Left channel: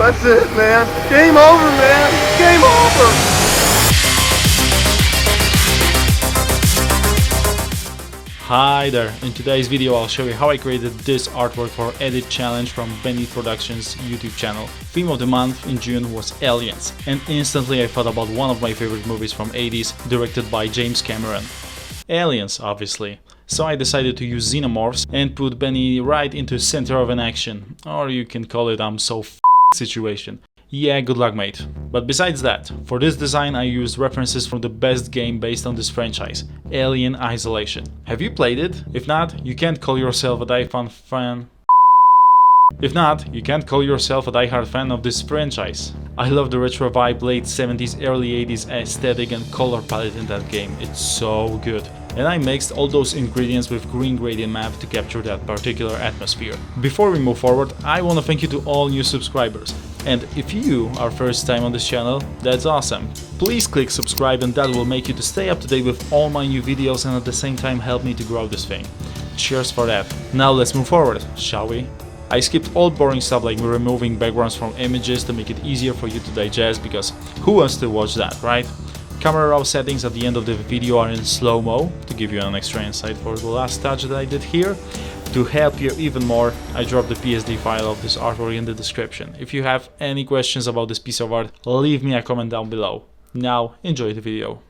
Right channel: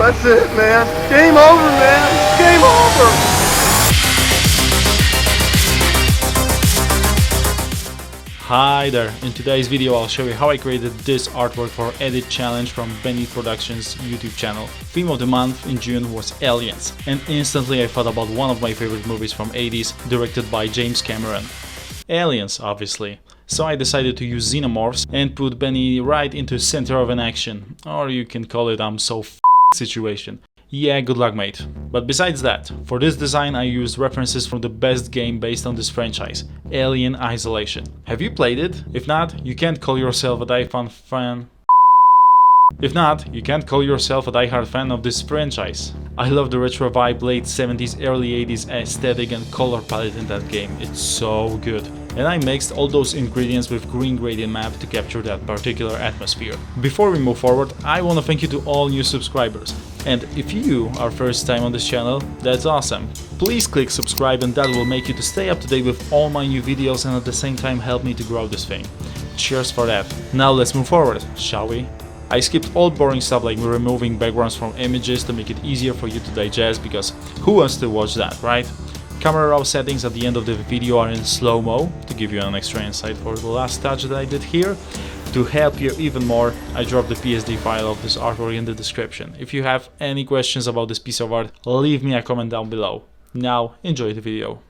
That's it, man. Game over, man. Game over. Hi there, in today's video I'll show you how I created this artwork for Edit Challenge from Benny Productions YouTube channel. Theme of the month in June was Aliens, and instantly I thought about one of my favorite movies from 80s, directed by James Cameron. Aliens, obviously. So I decided to use xenomorphs and put Benny right into the center of an action, or you can call it I'm so situation. Yeah, good luck mate. But besides that, for this design I used references from the best game based on this franchise, Alien Isolation. Have you played it? If not, you can't call yourself a die-hard fan. If not, you can't call yourself a die-hard fan of this franchise. I love the retro vibe, late 70s, early 80s aesthetic and color palette in that game, it's so good. And I mixed all those ingredients with green gradient map to capture that particular atmosphere. Before we move forward, I want to thank you to all new subscribers. And if you are first time on this channel, that's awesome. Please click subscribe and that will make you to stay up to date with all my new videos and at the same time help me to grow this thing. Cheers for that. Now let's move forward, shall we? I skipped all boring stuff like removing backgrounds from images to make it easier for you to digest, because who wants to watch that, right? Camera raw settings at the end of the video are in slow-mo to give you an extra insight for the last touch that I did here. To help you even more, I dropped the PSD file of this artwork in the description. If you have any questions about this piece of art, leave me a comment down below. Now, enjoy the video.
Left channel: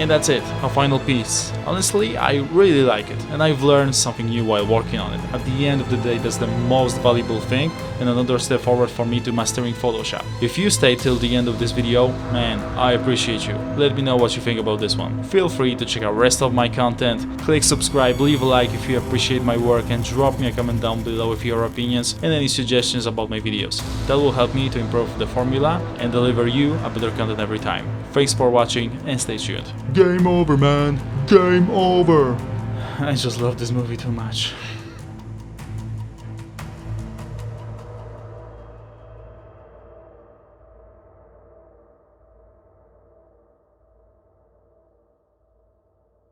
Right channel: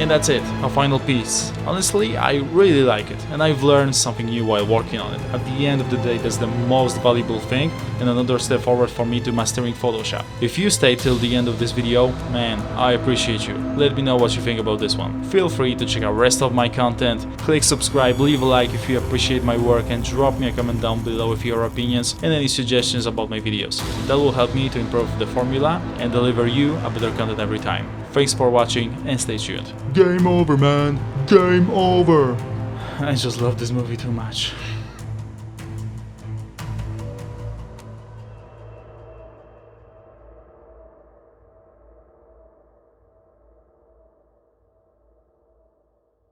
And that's it, a final piece. Honestly, I really like it, and I've learned something new while working on it. At the end of the day, that's the most valuable thing, and another step forward for me to mastering Photoshop. If you stayed till the end of this video, man, I appreciate you. Let me know what you think about this one. Feel free to check out the rest of my content, click subscribe, leave a like if you appreciate my work, and drop me a comment down below with your opinions and any suggestions about my videos. That will help me to improve the formula and deliver you a better content every time. Thanks for watching and stay tuned. Game over, man. Game over. I just love this movie too much.